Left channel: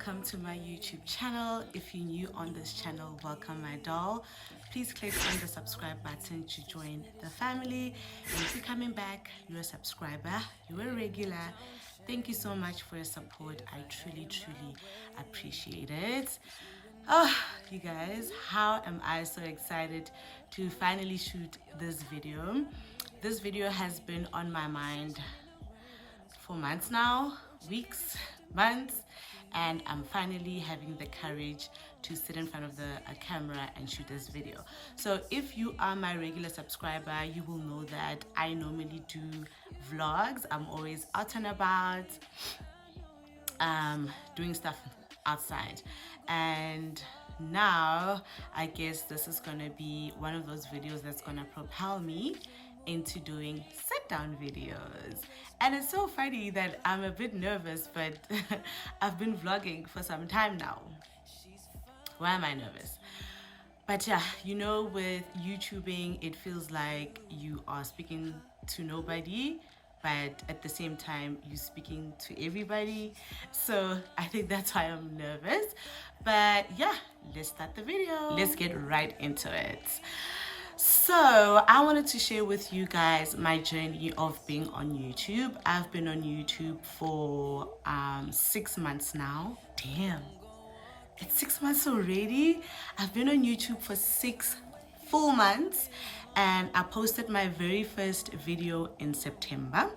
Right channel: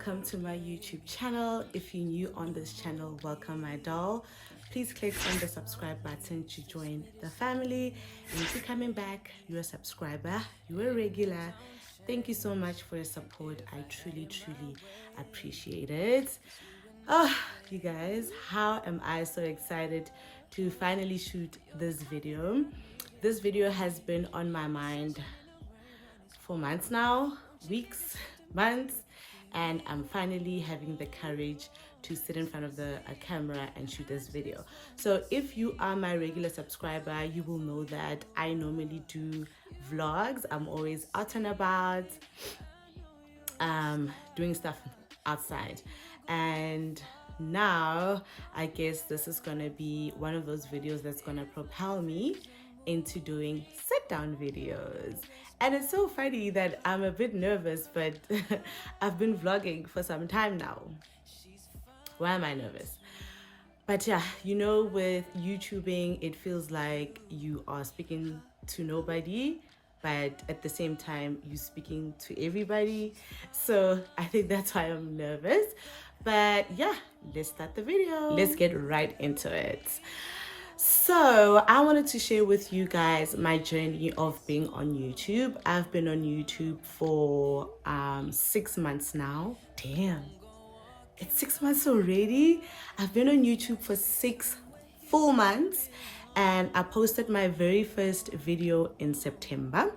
welcome to my YouTube channel. If you're new on this channel, welcome my doll. Please click on the subscribe button to join the family. And if you're coming back, you're a subscriber, you're a regular. Thank you so much for your support. I truly appreciate it. Oh, you guys, how am I so excited to finally shoot this video. This video has been on my mind for months now, weeks, months, and I'm finally having the courage to sit in front of the camera and shoot this video. So if you are my regular subscriber, you will know that I normally do vlogs. I'm always out and about, doing stuff outside. And now I guess this is gonna be one of those videos that's gonna propel me into doing sit-down videos. And it's so funny that I'm a bit nervous, but I've been vlogging for some time now. Why am I nervous? But yeah, you know, with YouTubing, it feels like you are speaking to nobody, but at the same time, you're speaking to everybody. So I think that's why I'm nervous. But yeah, let's start the video. Let's get right into it. So I wanted to share with you guys my journey of being on YouTube. I've been on YouTube for 6 months now. Damn, it's 6 months already. I've been on YouTube for 6 full months, and I posted my very first video in September.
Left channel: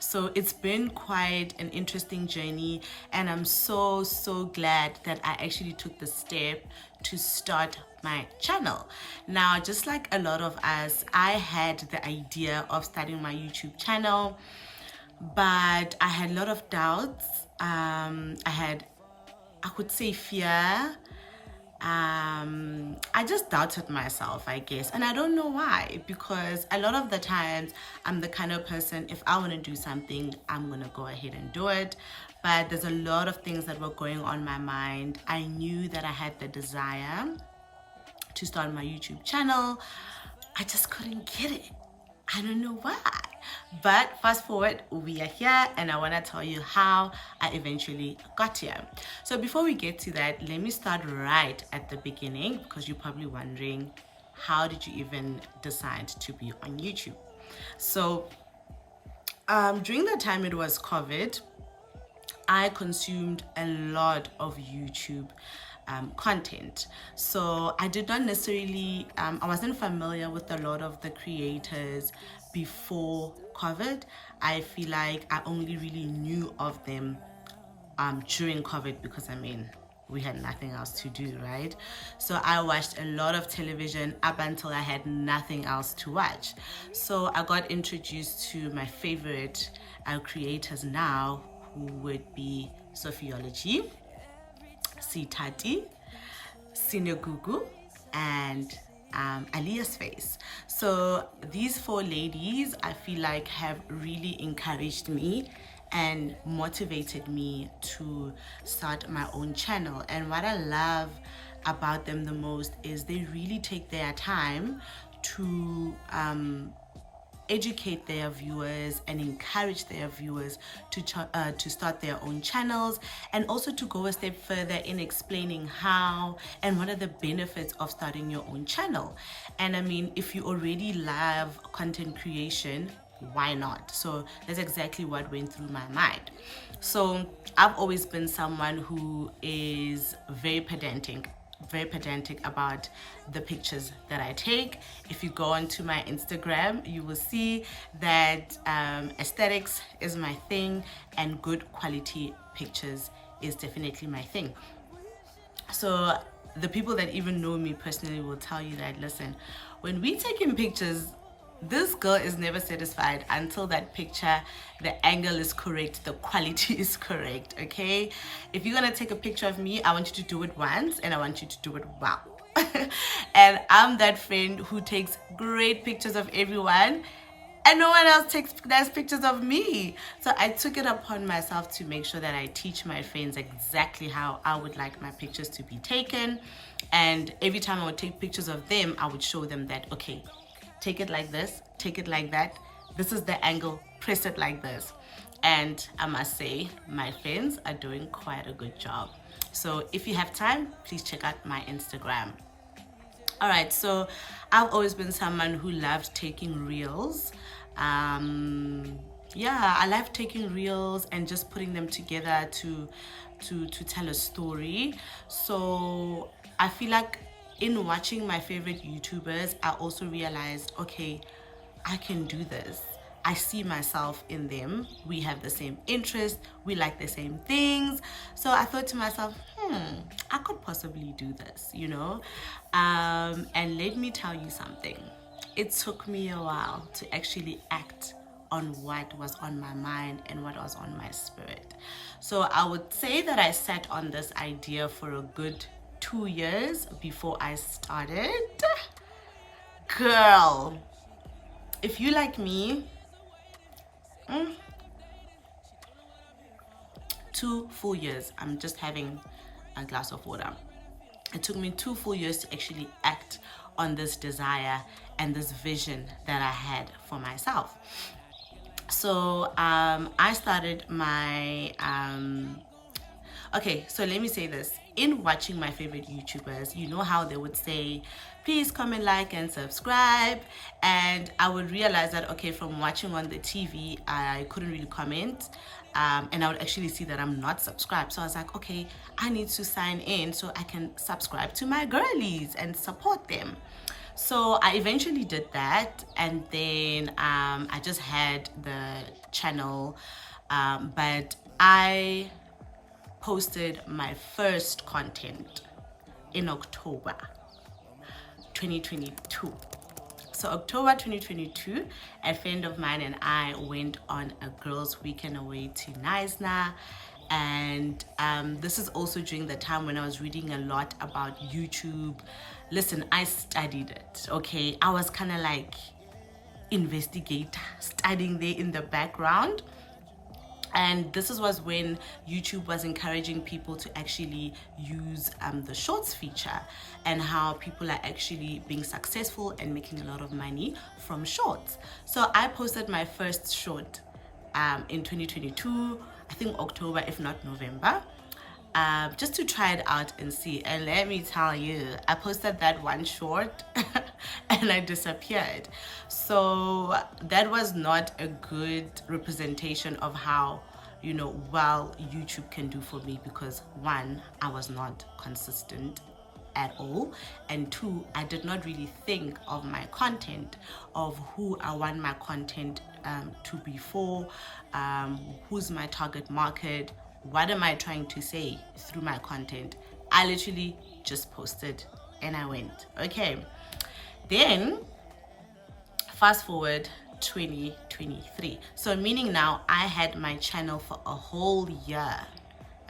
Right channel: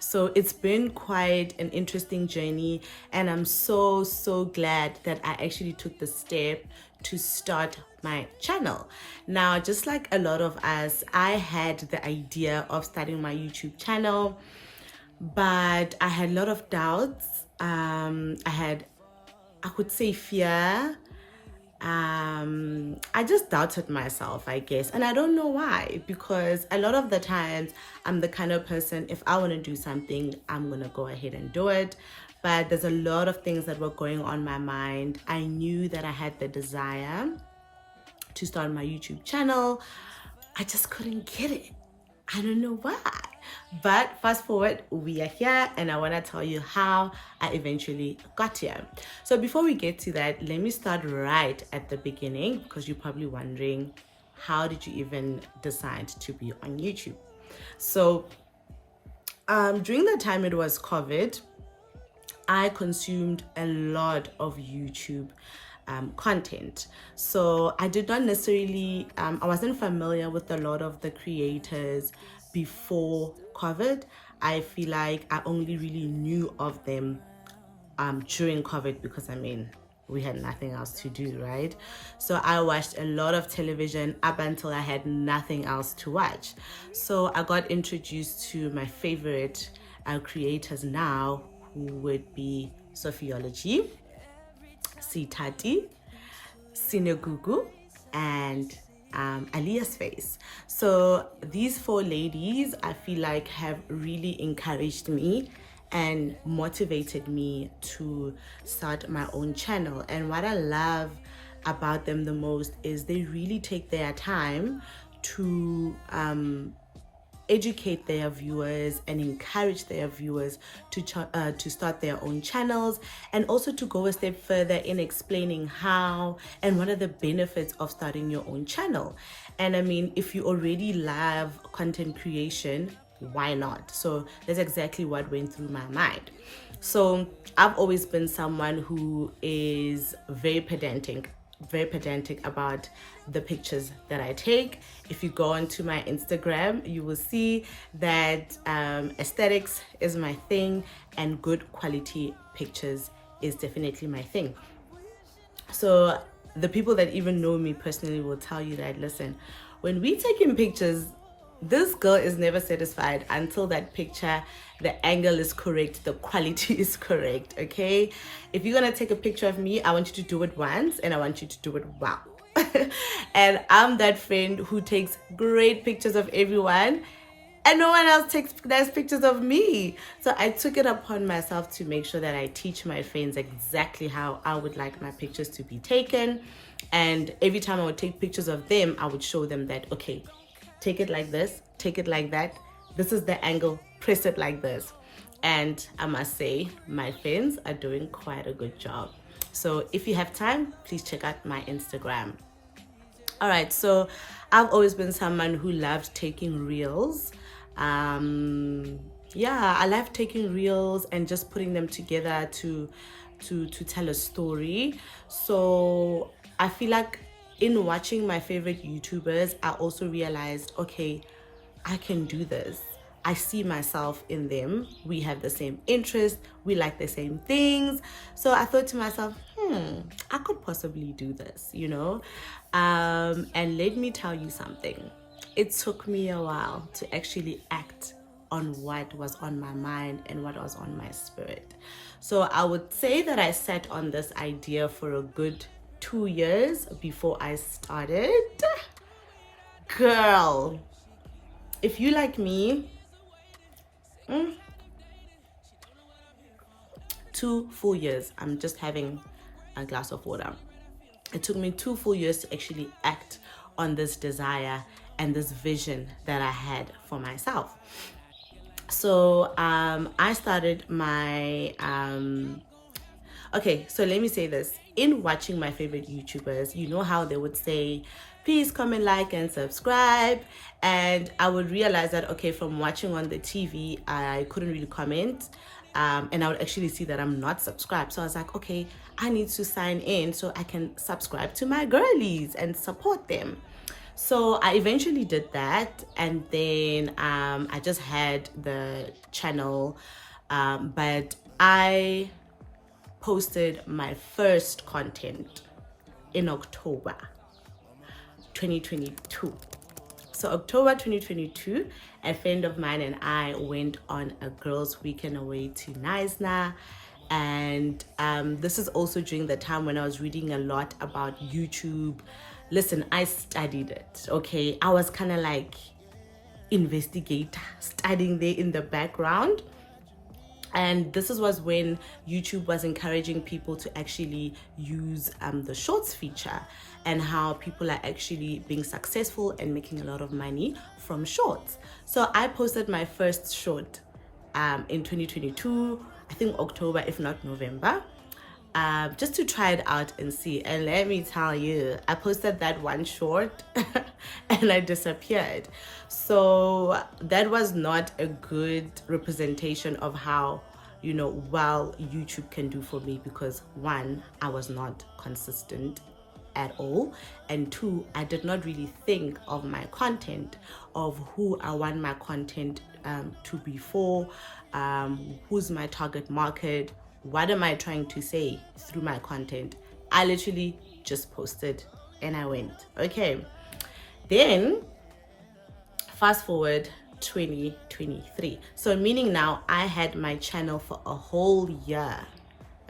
So it's been quite an interesting journey, and I'm so glad that I actually took the step to start my channel. Now, just like a lot of us, I had the idea of starting my YouTube channel, but I had a lot of doubts. I could say fear. I just doubted myself, I guess, and I don't know why, because a lot of the times I'm the kind of person, if I want to do something, I'm gonna go ahead and do it. But there's a lot of things that were going on in my mind. I knew that I had the desire to start my YouTube channel. I just couldn't get it. I don't know why. But fast forward, we are here, and I want to tell you how I eventually got here. So before we get to that, let me start right at the beginning, because you're probably wondering, how did you even decide to be on YouTube? So during the time it was COVID, I consumed a lot of YouTube content. So I did not necessarily, I wasn't familiar with a lot of the creators before COVID. I feel like I only really knew of them during COVID, because I mean, we had nothing else to do, right? So I watched a lot of television up until I had nothing else to watch. So I got introduced to my favorite creators now, who would be Sophiology, Sitati, Sinegugu, and Alia's Face. So these 4 ladies, I feel like, have really encouraged me and motivated me to start my own channel. And what I love about them the most is they really take their time to educate their viewers and encourage their viewers to start their own channels, and also to go a step further in explaining how and what are the benefits of starting your own channel. And I mean, if you already love content creation, why not? So that's exactly what went through my mind. So I've always been someone who is very pedantic about the pictures that I take. If you go onto my Instagram, you will see that aesthetics is my thing, and good quality pictures is definitely my thing. So the people that even know me personally will tell you that, listen, when we taking pictures, this girl is never satisfied until that picture, the angle is correct, the quality is correct, okay? If you're gonna take a picture of me, I want you to do it once, and I want you to do it well. And I'm that friend who takes great pictures of everyone, and no one else takes nice pictures of me. So I took it upon myself to make sure that I teach my friends exactly how I would like my pictures to be taken. And every time I would take pictures of them, I would show them that, okay, take it like this, take it like that. This is the angle, press it like this. And I must say, my friends are doing quite a good job. So if you have time, please check out my Instagram. All right, so I've always been someone who loved taking reels. Yeah, I love taking reels and just putting them together to tell a story. So I feel like in watching my favorite YouTubers, I also realized, okay, I can do this. I see myself in them. We have the same interests. We like the same things. So I thought to myself, I could possibly do this, you know? And let me tell you something. It took me a while to actually act on what was on my mind and what was on my spirit. So I would say that I sat on this idea for a good 2 years before I started. Girl, if you like me, 2 full years. I'm just having a glass of water. It took me 2 full years to actually act on this desire and this vision that I had for myself. So I started my okay, so let me say this. In watching my favorite YouTubers, you know how they would say, please comment, like, and subscribe. And I would realize that, okay, from watching on the TV, I couldn't really comment. And I would actually see that I'm not subscribed. So I was like, okay, I need to sign in so I can subscribe to my girlies and support them. So I eventually did that, and then I just had the channel, but I posted my first content in October 2022. So October 2022, a friend of mine and I went on a girls' weekend away to Naisna. And this is also during the time when I was reading a lot about YouTube. Listen, I studied it, okay? I was kind of like investigator, studying there in the background. And this was when YouTube was encouraging people to actually use the shorts feature, and how people are actually being successful and making a lot of money from shorts. So I posted my first short in 2022, I think October, if not November, just to try it out and see. And let me tell you, I posted that one short and I disappeared. So that was not a good representation of how, you know, well YouTube can do for me, because one, I was not consistent at all, and two, I did not really think of my content, of who I want my content to be for, who's my target market, what am I trying to say through my content. I literally just posted and I went, okay. Then fast forward 2023, so meaning now I had my channel for a whole year,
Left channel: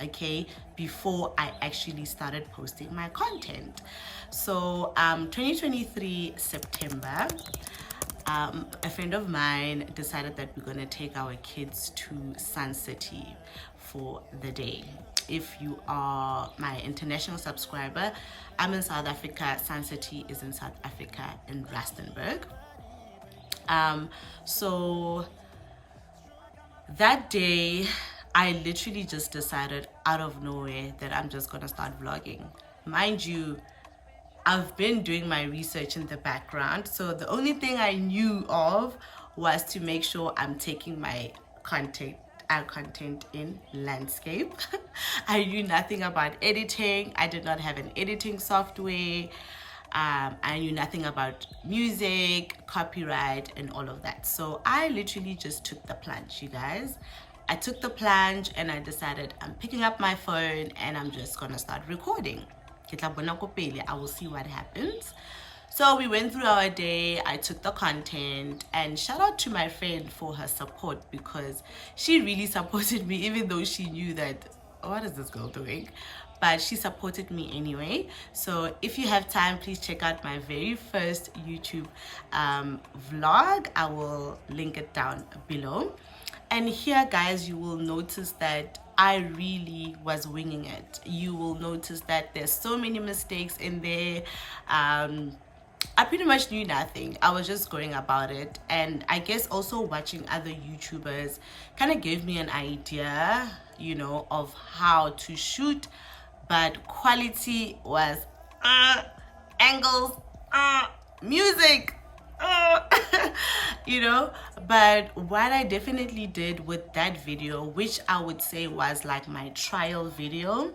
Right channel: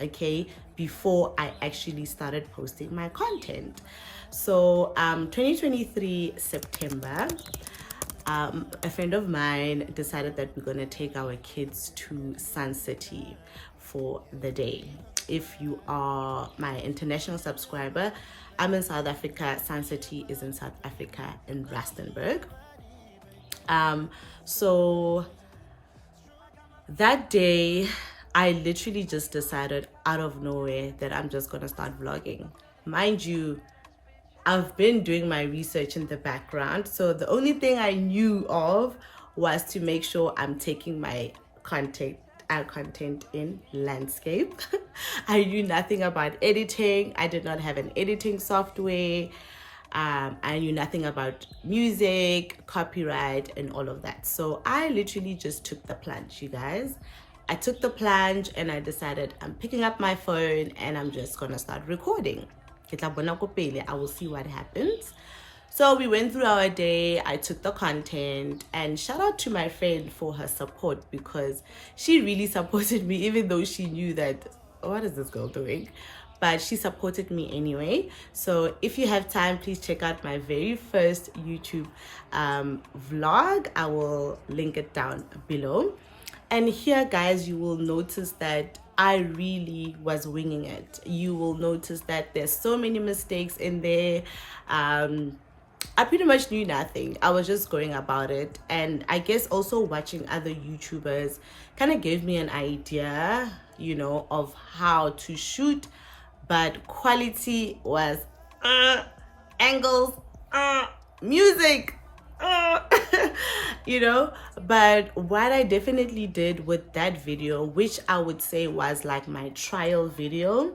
okay, before I actually started posting my content. So 2023 September, a friend of mine decided that we're gonna take our kids to Sun City for the day. If you are my international subscriber, I'm in South Africa. Sun City is in South Africa, in Rustenburg. So that day, I literally just decided out of nowhere that I'm just gonna start vlogging. Mind you, I've been doing my research in the background, so the only thing I knew of was to make sure I'm taking my content in landscape. I knew nothing about editing. I did not have an editing software. I knew nothing about music, copyright, and all of that. So I literally just took the plunge, you guys. I took the plunge and I decided I'm picking up my phone and I'm just gonna start recording. I will see what happens. So we went through our day. I took the content, and shout out to my friend for her support, because she really supported me, even though she knew that, what is this girl doing? But she supported me anyway. So if you have time, please check out my very first YouTube vlog. I will link it down below. And here, guys, you will notice that I really was winging it. You will notice that there's so many mistakes in there. I pretty much knew nothing. I was just going about it. And I guess also watching other YouTubers kind of gave me an idea, you know, of how to shoot. But quality was angles, music, you know. But what I definitely did with that video, which I would say was like my trial video,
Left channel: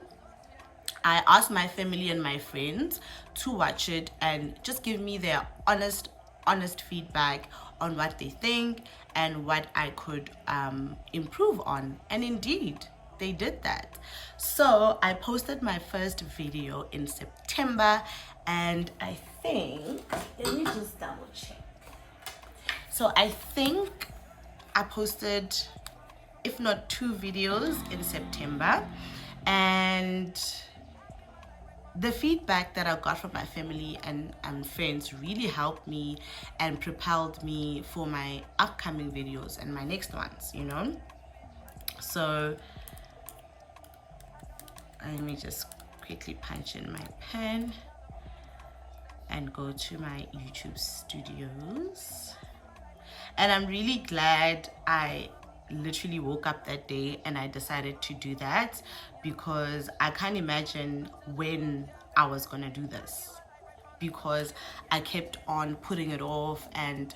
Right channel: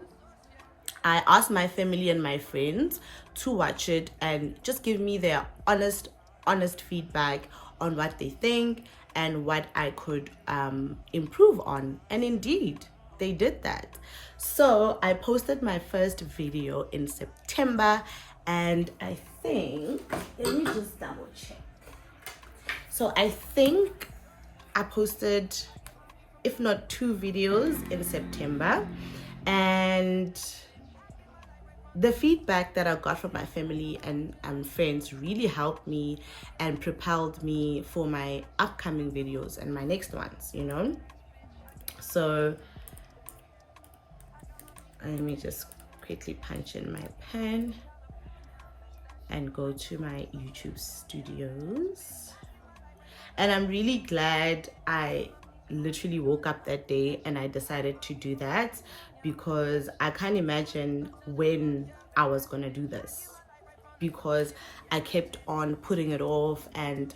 I asked my family and my friends to watch it and just give me their honest feedback on what they think and what I could improve on. And indeed, they did that. So I posted my first video in September, and I think, let me just double check. So I think I posted, if not 2 videos in September, and the feedback that I got from my family and friends really helped me and propelled me for my upcoming videos and my next ones, you know. So let me just quickly punch in my pen and go to my YouTube studios. And I'm really glad I literally woke up that day and I decided to do that, because I can't imagine when I was gonna do this, because I kept on putting it off and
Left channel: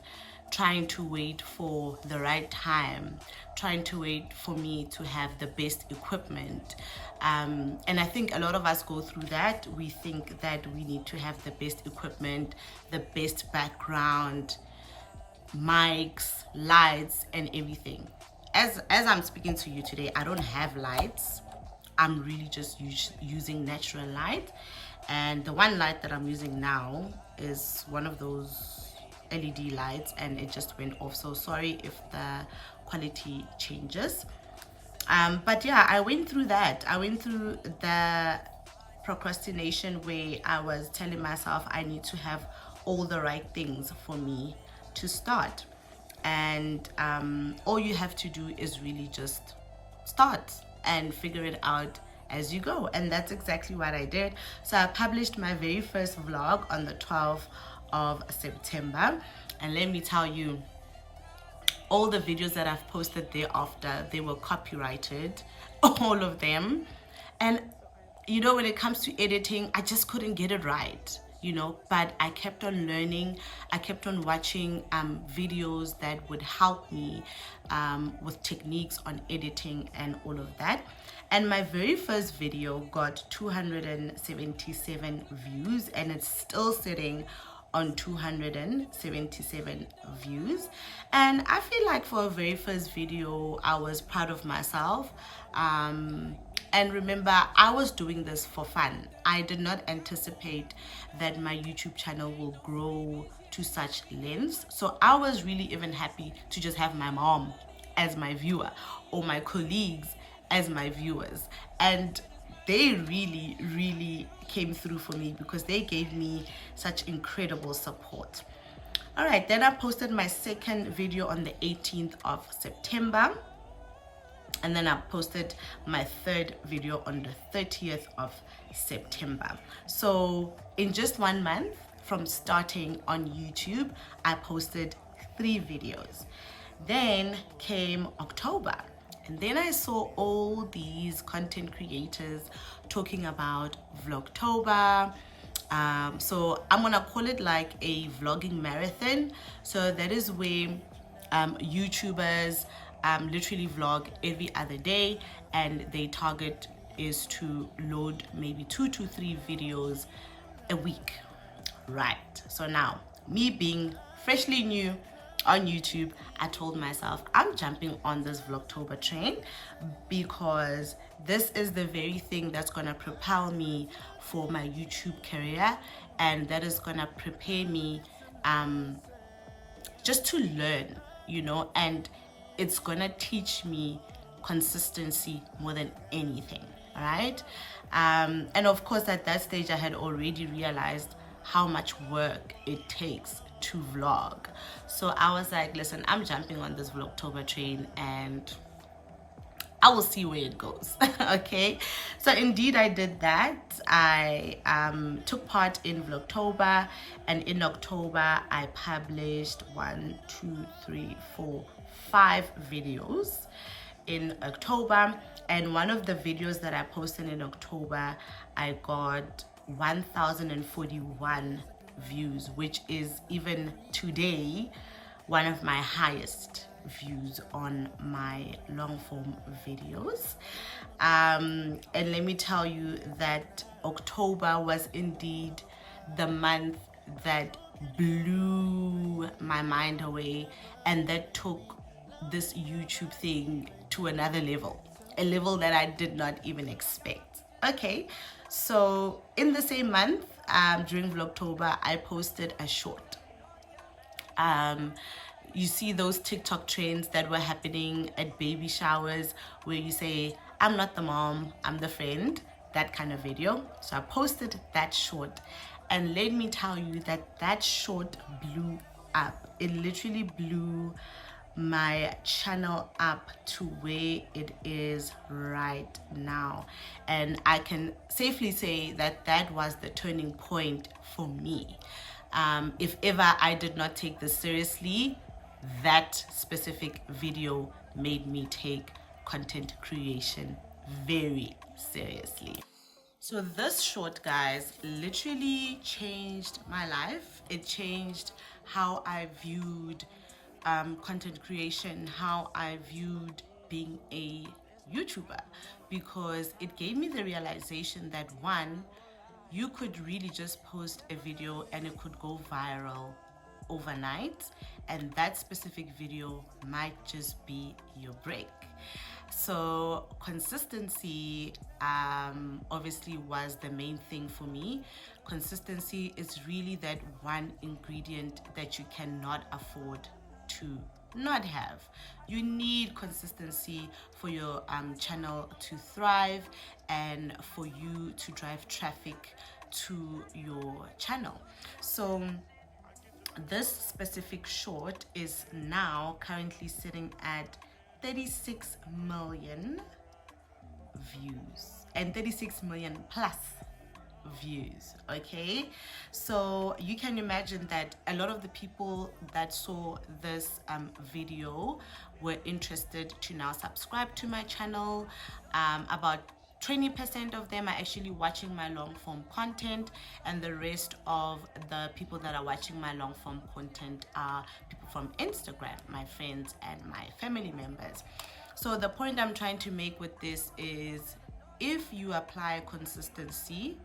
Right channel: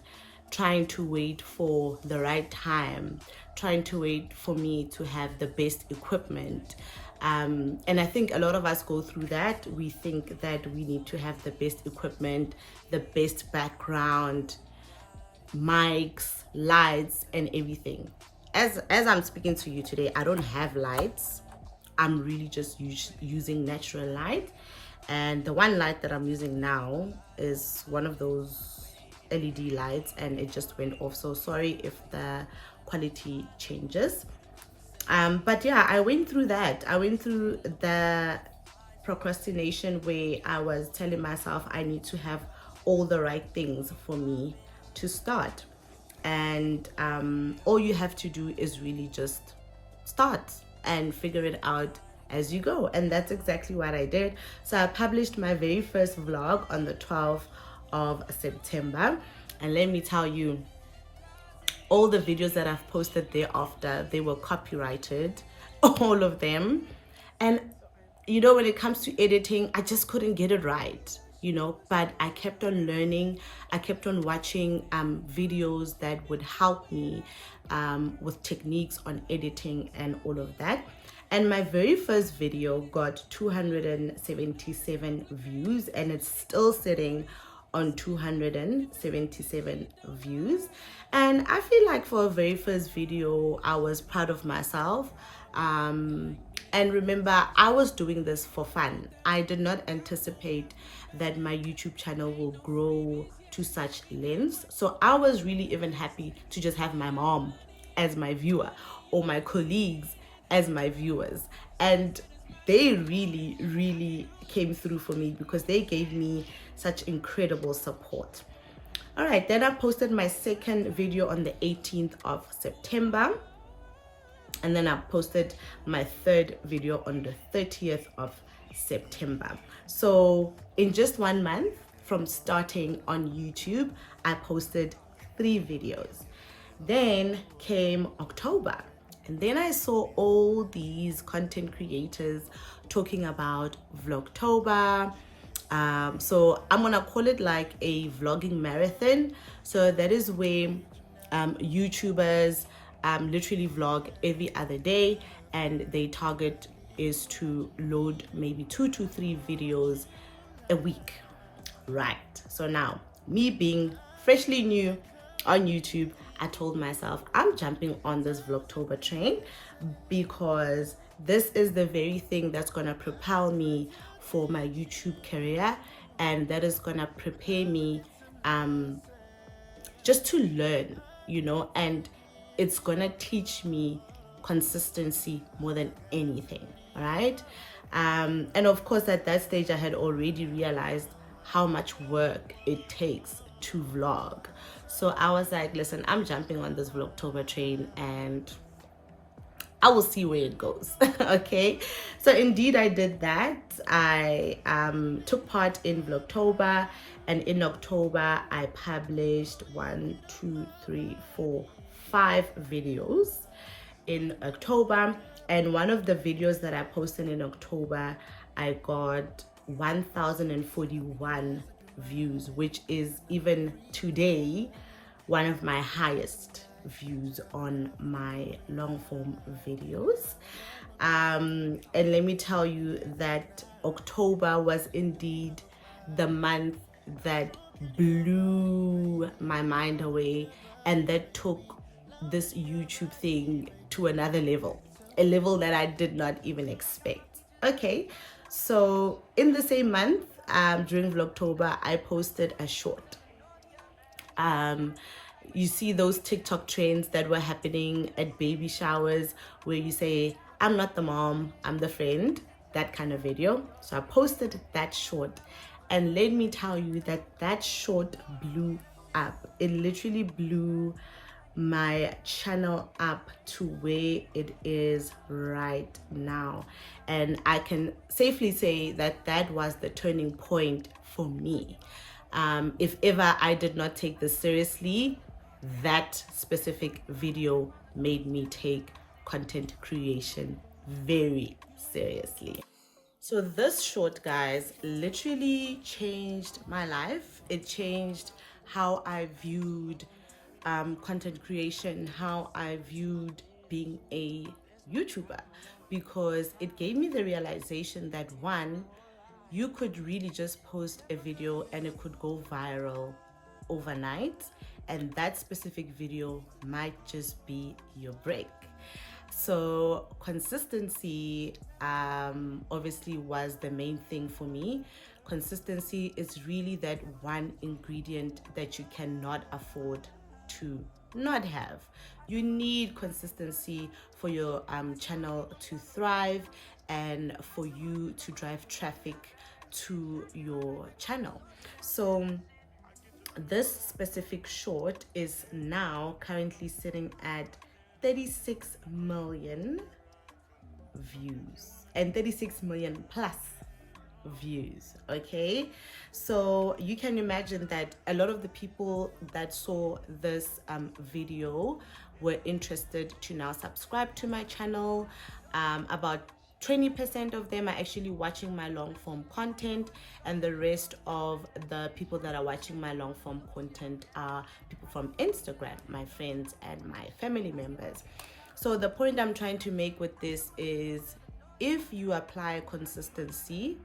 trying to wait for the right time, trying to wait for me to have the best equipment. And I think a lot of us go through that. We think that we need to have the best equipment, the best background, mics, lights, and everything. As I'm speaking to you today, I don't have lights. I'm really just using natural light, and the one light that I'm using now is one of those LED lights, and it just went off, so sorry if the quality changes. But yeah, I went through that. I went through the procrastination where I was telling myself I need to have all the right things for me to start, and all you have to do is really just start and figure it out as you go. And that's exactly what I did. So I published my very first vlog on the 12th of September, and let me tell you, all the videos that I've posted thereafter, they were copyrighted, all of them. And you know, when it comes to editing, I just couldn't get it right, you know. But I kept on learning, I kept on watching videos that would help me with techniques on editing and all of that. And my very first video got 277 views, and it's still sitting on 277 views. And I feel like for a very first video, I was proud of myself. And remember, I was doing this for fun. I did not anticipate that my YouTube channel will grow to such lengths. So I was really even happy to just have my mom as my viewer, or my colleagues as my viewers. And they really came through for me, because they gave me such incredible support. All right, then I posted my second video on the 18th of September. And then I posted my third video on the 30th of September. So in just 1 month from starting on YouTube, I posted 3 videos. Then came October, and then I saw all these content creators talking about Vlogtober. So I'm gonna call it like a vlogging marathon. So that is where YouTubers literally vlog every other day, and their target is to load maybe 2 to 3 videos a week, right? So now, me being freshly new on YouTube, I told myself I'm jumping on this Vlogtober train, because this is the very thing that's gonna propel me for my YouTube career, and that is gonna prepare me just to learn, you know, and it's gonna teach me consistency more than anything. All right. And of course, at that stage, I had already realized how much work it takes to vlog. So I was like, listen, I'm jumping on this Vlogtober train, and I will see where it goes. Okay. So indeed, I did that. I took part in Vlogtober, And in October, I published 5 videos in October. And one of the videos that I posted in October, I got 1,041 views, which is even today one of my highest views on my long form videos. And let me tell you that October was indeed the month that blew my mind away, and that took this YouTube thing to another level, a level that I did not even expect. Okay, so in the same month, during Vlogtober, I posted a short. You see those TikTok trends that were happening at baby showers where you say, I'm not the mom, I'm the friend, that kind of video. So I posted that short, and let me tell you that that short blew up. It literally blew my channel up to where it is right now. And I can safely say that that was the turning point for me. If ever I did not take this seriously, that specific video made me take content creation very seriously. So this short, guys, literally changed my life. It changed how I viewed content creation, how I viewed being a YouTuber, because it gave me the realization that one, you could really just post a video and it could go viral overnight, and that specific video might just be your break. So consistency obviously was the main thing for me. Consistency is really that one ingredient that you cannot afford to not have. You need consistency for your channel to thrive and for you to drive traffic to your channel. So this specific short is now currently sitting at 36 million views and 36 million plus views. Okay, so you can imagine that a lot of the people that saw this video were interested to now subscribe to my channel. About 20% of them are actually watching my long form content, and the rest of the people that are watching my long form content are people from Instagram, my friends and my family members. So the point I'm trying to make with this is, if you apply consistency,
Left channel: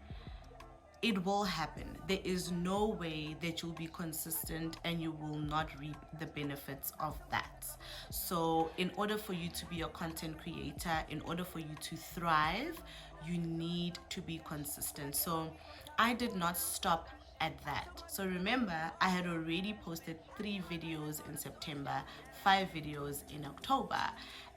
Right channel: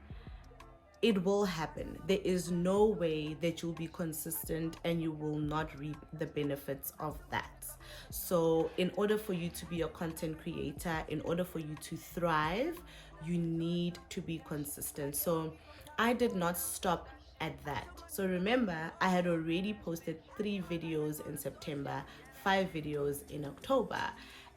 it will happen. There is no way that you'll be consistent and you will not reap the benefits of that. So in order for you to be a content creator, in order for you to thrive, you need to be consistent. So I did not stop at that. So remember, I had already posted 3 videos in September, 5 videos in October,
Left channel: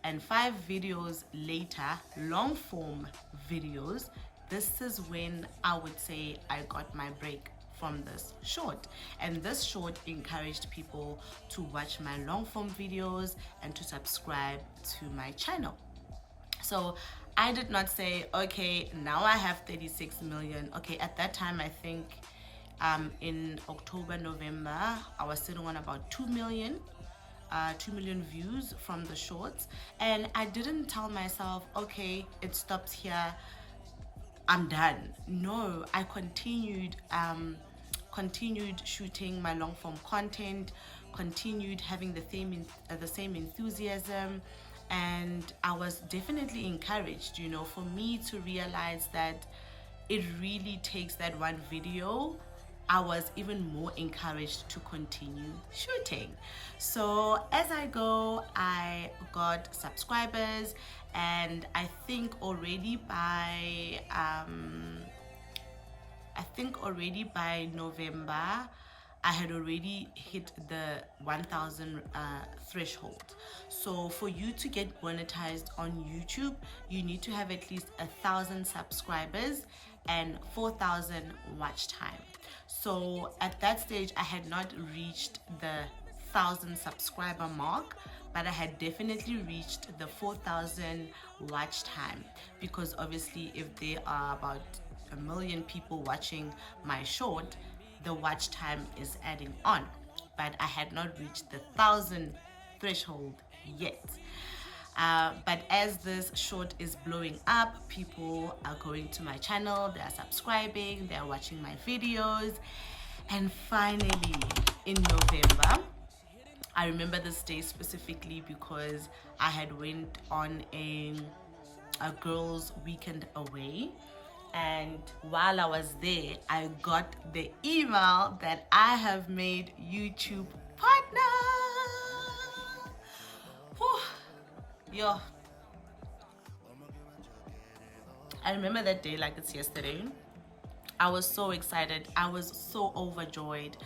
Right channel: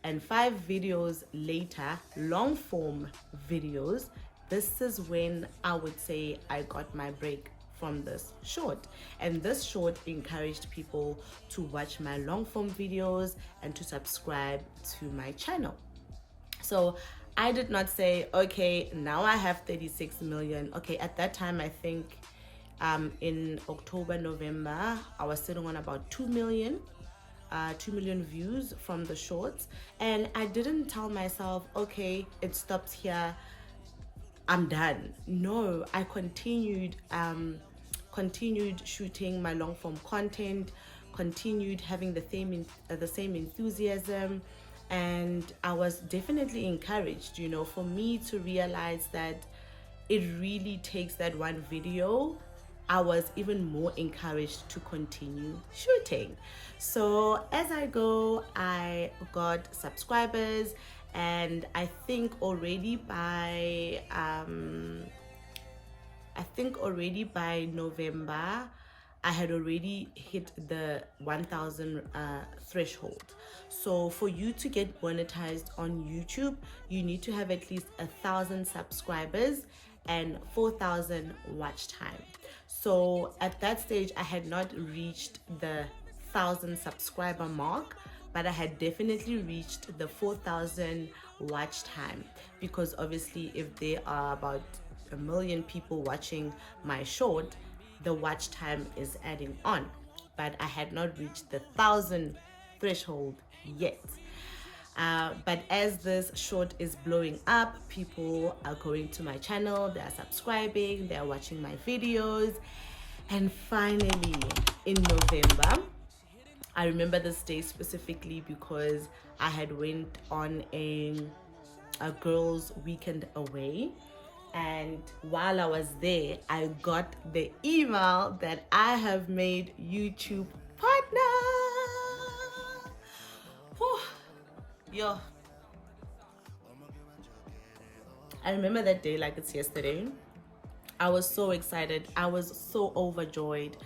and 5 videos later, long form videos. This is when I would say I got my break from this short. And this short encouraged people to watch my long form videos and to subscribe to my channel. So I did not say, okay, now I have 36 million. Okay, at that time, I think in October, November, I was sitting on about 2 million views from the shorts. And I didn't tell myself, okay, it stops here, I'm done. No, I continued shooting my long form content, continued having the same enthusiasm, and I was definitely encouraged, you know, for me to realize that it really takes that one video. I was even more encouraged to continue shooting. So as I go, I got subscribers, and I think already by November, I had already hit the 1,000 threshold. So for you to get monetized on YouTube, you need to have at least 1,000 subscribers and 4,000 watch time. So at that stage, I had not reached the 1,000 subscriber mark, but I had definitely reached the 4,000 watch time, because obviously if there are about 1 million people watching my short, the watch time is adding on, but I had not reached the 1,000 threshold yet. But as this short is blowing up, people are going to my channel, they are subscribing, they are watching my videos. And finally, in November, I remember this day specifically because I had went on a girls' weekend away. And while I was there, I got the email that I have made YouTube partner. Whew. Yo, I remember that day like it's yesterday. I was so excited. I was so overjoyed.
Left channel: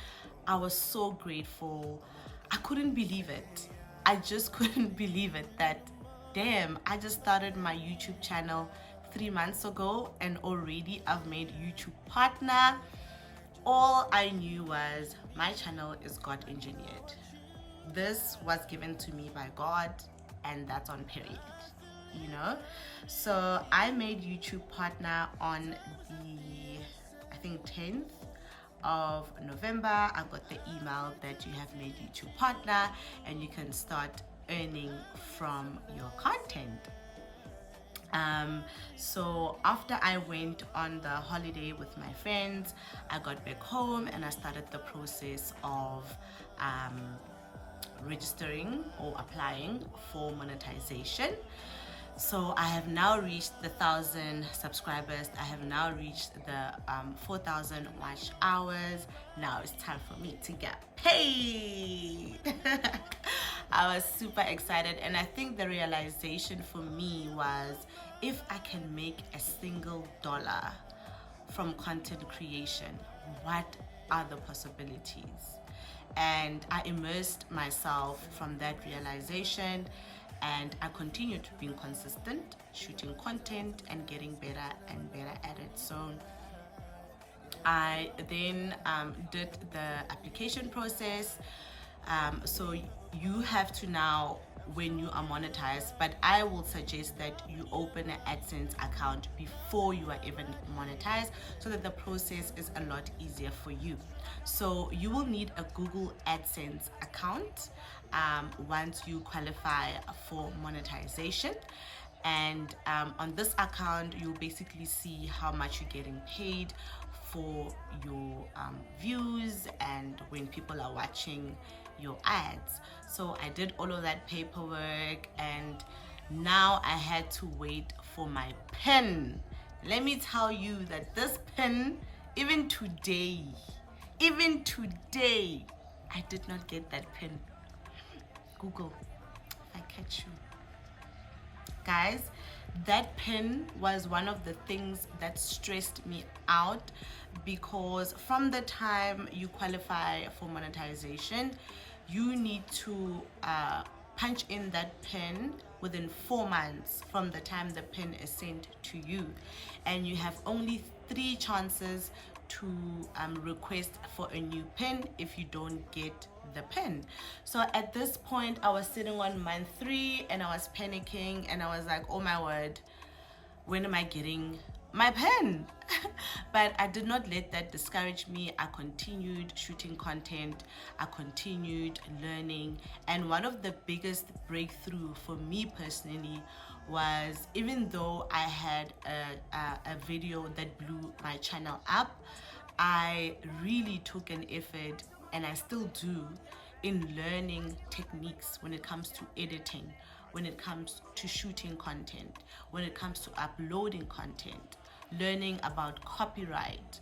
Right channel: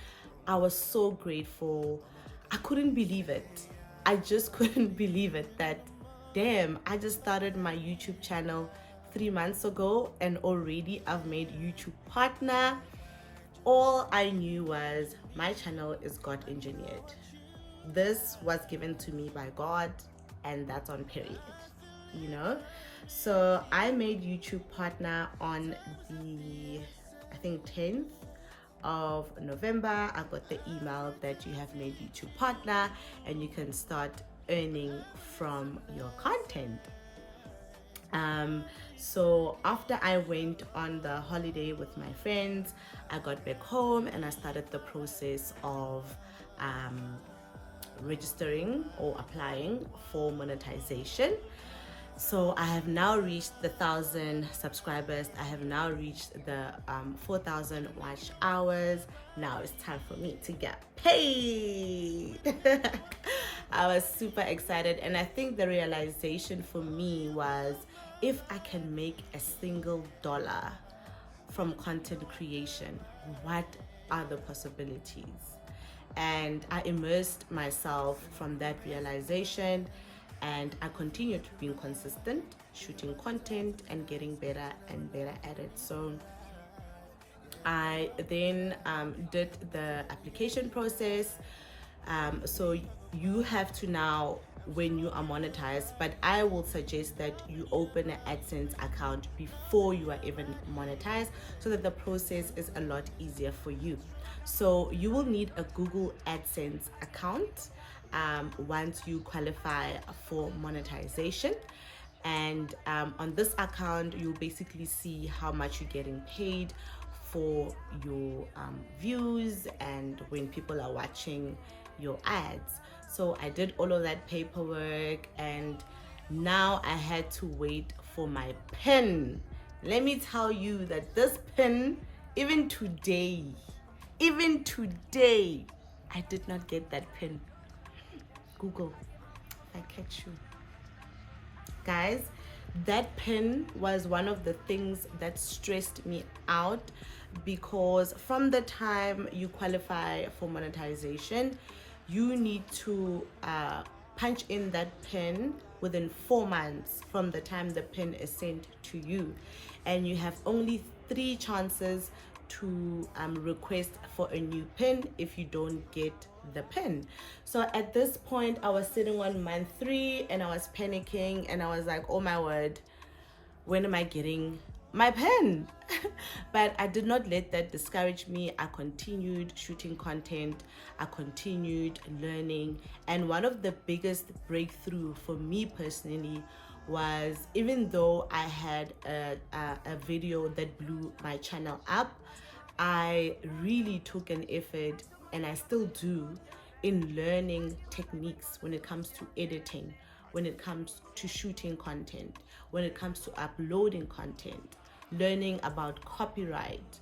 I was so grateful. I couldn't believe it. I just couldn't believe it that, damn, I just started my YouTube channel 3 months ago and already I've made YouTube partner. All I knew was my channel is God engineered. This was given to me by God, and that's on period, you know. So I made YouTube partner on the, I think, 10th of November. I got the email that you have made YouTube partner and you can start earning from your content. So after I went on the holiday with my friends, I got back home and I started the process of registering or applying for monetization. So I have now reached the 1,000 subscribers. I have now reached the 4,000 watch hours. Now it's time for me to get paid. I was super excited, and I think the realization for me was, if I can make a single dollar from content creation, what are the possibilities? And I immersed myself from that realization, and I continued being consistent, shooting content and getting better and better at it. So I then did the application process. So you have to now, when you are monetized, but I will suggest that you open an AdSense account before you are even monetized, so that the process is a lot easier for you. So you will need a Google AdSense account once you qualify for monetization. And on this account, you'll basically see how much you're getting paid for your views and when people are watching your ads. So I did all of that paperwork, and now I had to wait for my pen. Let me tell you that this pen, even today, I did not get that pen. Google, if I catch you. Guys, that pen was one of the things that stressed me out, because from the time you qualify for monetization, you need to punch in that pin within 4 months from the time the pin is sent to you, and you have only 3 chances to request for a new pin if you don't get the pin. So at this point, I was sitting on month 3 and I was panicking, and I was like, oh my word, when am I getting my pen? But I did not let that discourage me. I continued shooting content, I continued learning, and one of the biggest breakthrough for me personally was, even though I had a video that blew my channel up, I really took an effort, and I still do, in learning techniques when it comes to editing, when it comes to shooting content, when it comes to uploading content, learning about copyright.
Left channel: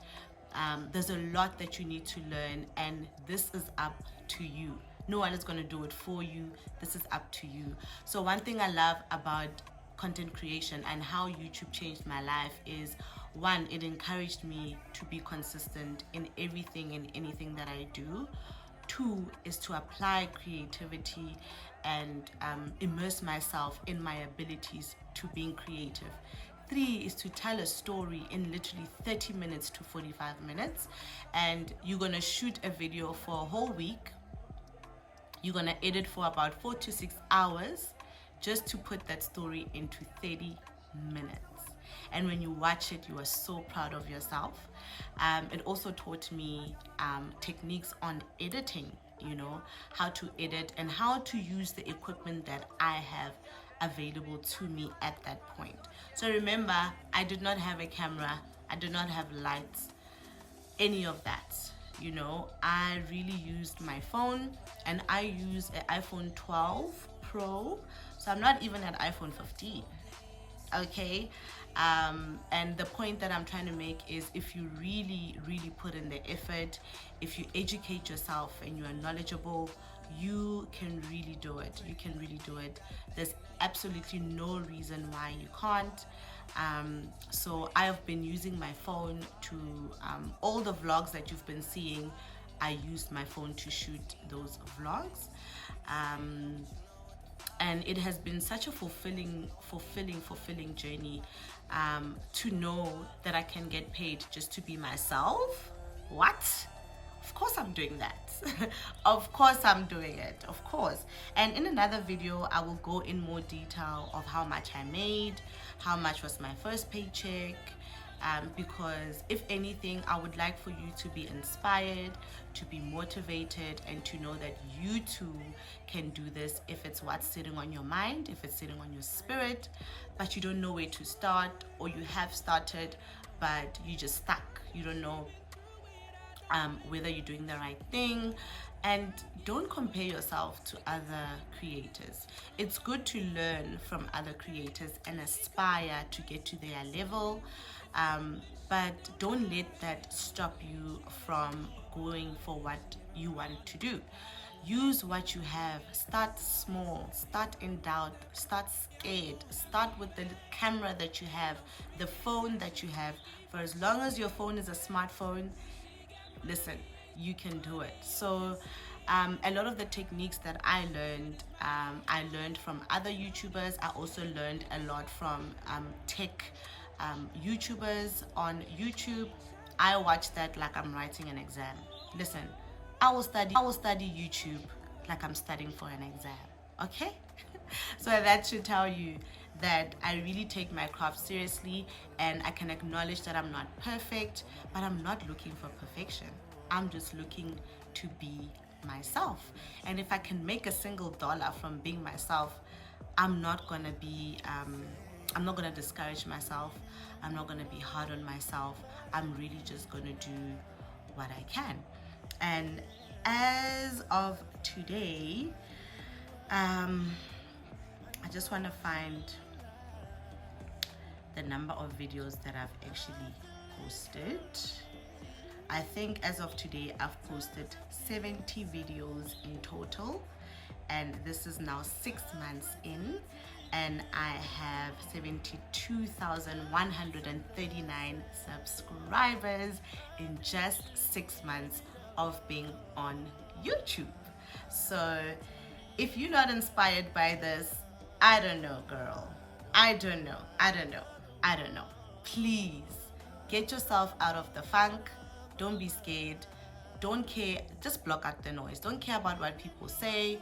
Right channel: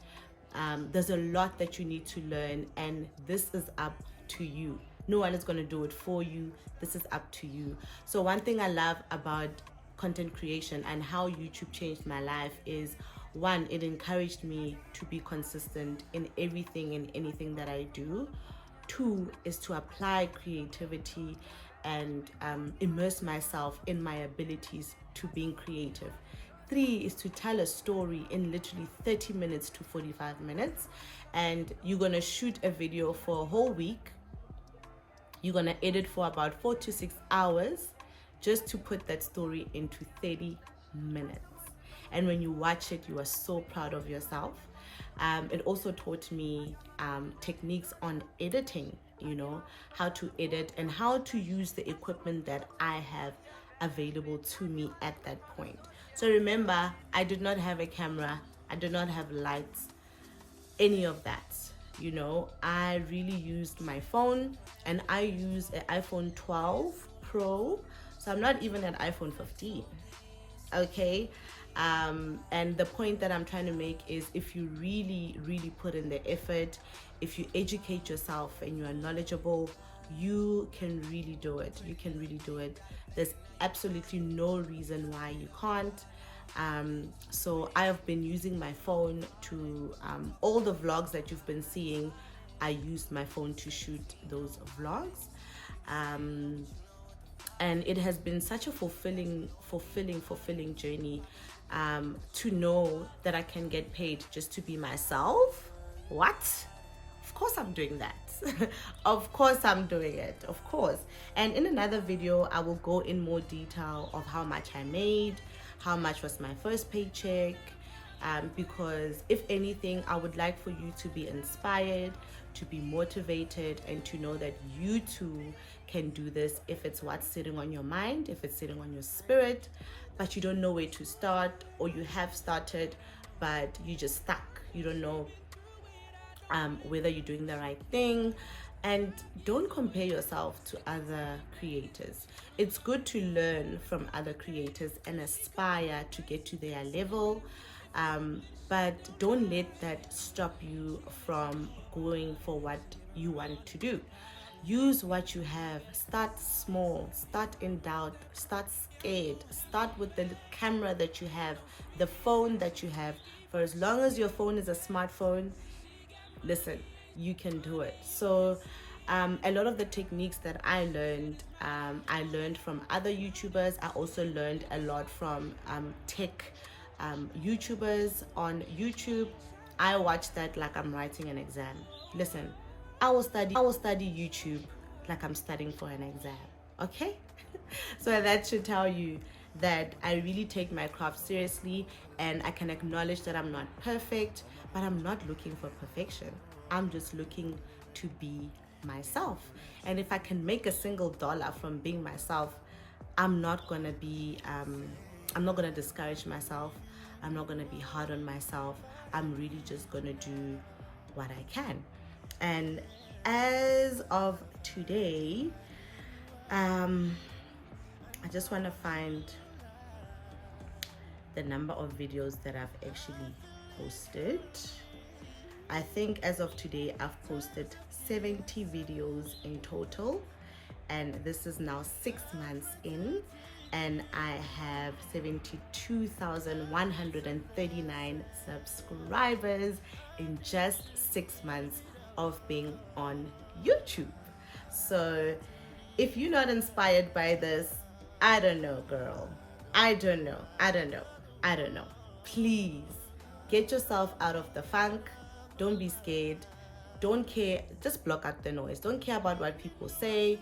There's a lot that you need to learn, and this is up to you. No one is going to do it for you. This is up to you. So one thing I love about content creation and how YouTube changed my life is, 1, it encouraged me to be consistent in everything and anything that I do. 2 is to apply creativity and immerse myself in my abilities to being creative. 3 is to tell a story in literally 30 minutes to 45 minutes. And you're gonna shoot a video for a whole week. You're gonna edit for about 4 to 6 hours just to put that story into 30 minutes. And when you watch it, you are so proud of yourself. It also taught me techniques on editing, you know, how to edit and how to use the equipment that I have available to me at that point. So remember, I did not have a camera, I did not have lights, any of that. You know, I really used my phone, and I use an iPhone 12 Pro, so I'm not even an iPhone 15. Okay. And the point that I'm trying to make is, if you really put in the effort, if you educate yourself and you are knowledgeable, you can really do it. You can really do it. There's absolutely no reason why you can't. So I have been using my phone to all the vlogs that you've been seeing. I used my phone to shoot those vlogs. And it has been such a fulfilling journey, to know that I can get paid just to be myself. What? Of course I'm doing that. Of course I'm doing it, of course. And in another video, I will go in more detail of how much I made, how much was my first paycheck, because if anything, I would like for you to be inspired, to be motivated, and to know that you too can do this if it's what's sitting on your mind, if it's sitting on your spirit, but you don't know where to start, or you have started but you just stuck. You don't know whether you're doing the right thing. And don't compare yourself to other creators. It's good to learn from other creators and aspire to get to their level, but don't let that stop you from going for what you want to do. Use what you have. Start small, start in doubt, start scared, start with the camera that you have, the phone that you have. For as long as your phone is a smartphone, listen, you can do it. So a lot of the techniques that I learned from other YouTubers. I also learned a lot from tech YouTubers on YouTube. I watch that like I'm writing an exam. Listen, I will study YouTube like I'm studying for an exam. Okay. So that should tell you that I really take my craft seriously, and I can acknowledge that I'm not perfect, but I'm not looking for perfection. I'm just looking to be myself. And if I can make a single dollar from being myself, I'm not gonna discourage myself. I'm not gonna be hard on myself. I'm really just gonna do what I can. And as of today, I just want to find the number of videos that I've actually posted. I think as of today, I've posted 70 videos in total, and this is now 6 months in, and I have 72,139 subscribers in just 6 months of being on YouTube. So if you're not inspired by this, I don't know, girl. I don't know. Please get yourself out of the funk. Don't be scared. Don't care. Just block out the noise. Don't care about what people say,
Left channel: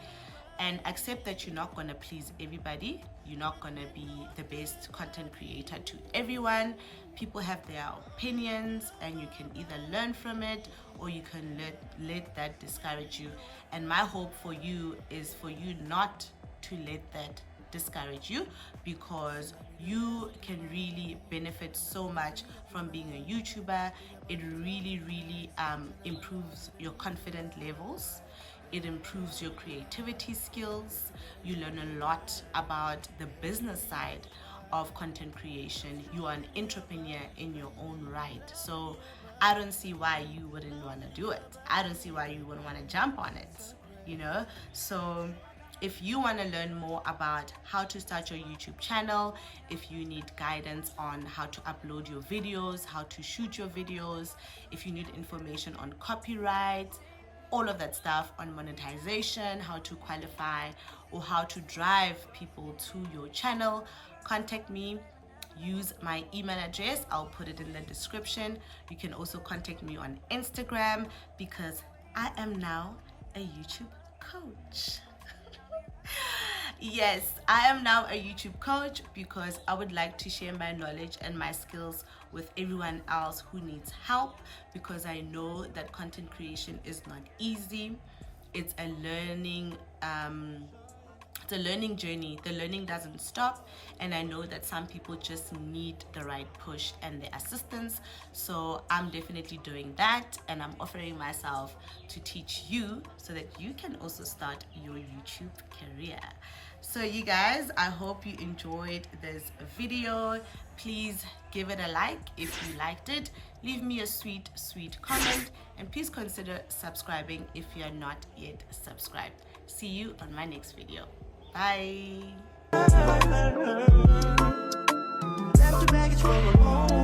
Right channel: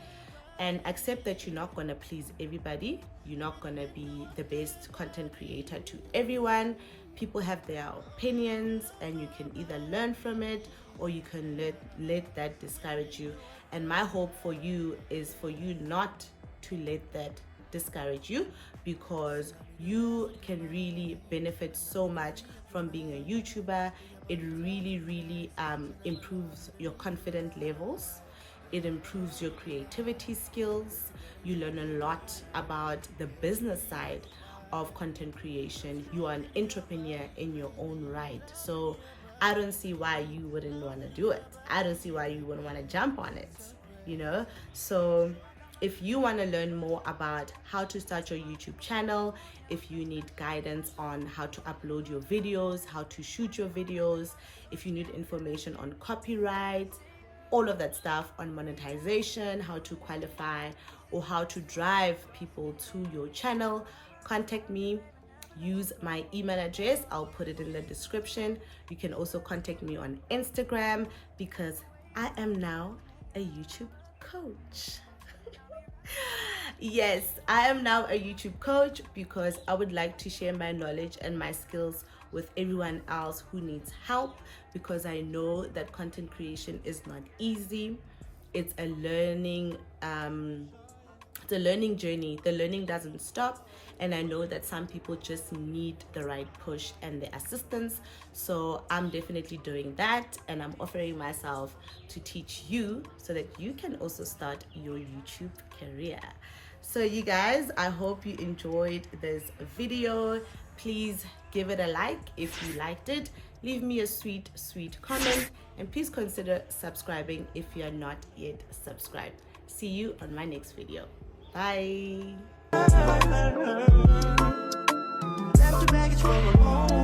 and accept that you're not going to please everybody. You're not going to be the best content creator to everyone. People have their opinions, and you can either learn from it, or you can let that discourage you. And my hope for you is for you not to let that discourage you, because you can really benefit so much from being a YouTuber. It really improves your confidence levels. It improves your creativity skills. You learn a lot about the business side of content creation. You are an entrepreneur in your own right. So I don't see why you wouldn't want to do it. I don't see why you wouldn't want to jump on it, you know? So if you want to learn more about how to start your YouTube channel, if you need guidance on how to upload your videos, how to shoot your videos, if you need information on copyright, all of that stuff, on monetization, how to qualify, or how to drive people to your channel, contact me. Use my email address. I'll put it in the description. You can also contact me on Instagram, because I am now a YouTube coach. Yes, I am now a YouTube coach because I would like to share my knowledge and my skills with everyone else who needs help, because I know that content creation is not easy. It's a learning journey. The learning doesn't stop, and I know that some people just need the right push and the assistance. So I'm definitely doing that, and I'm offering myself to teach you so that you can also start your YouTube career. So you guys, I hope you enjoyed this video. Please give it a like if you liked it. Leave me a sweet comment, and please consider subscribing if you are not yet subscribed. See you on my next video. Bye. Left the baggage for a moment.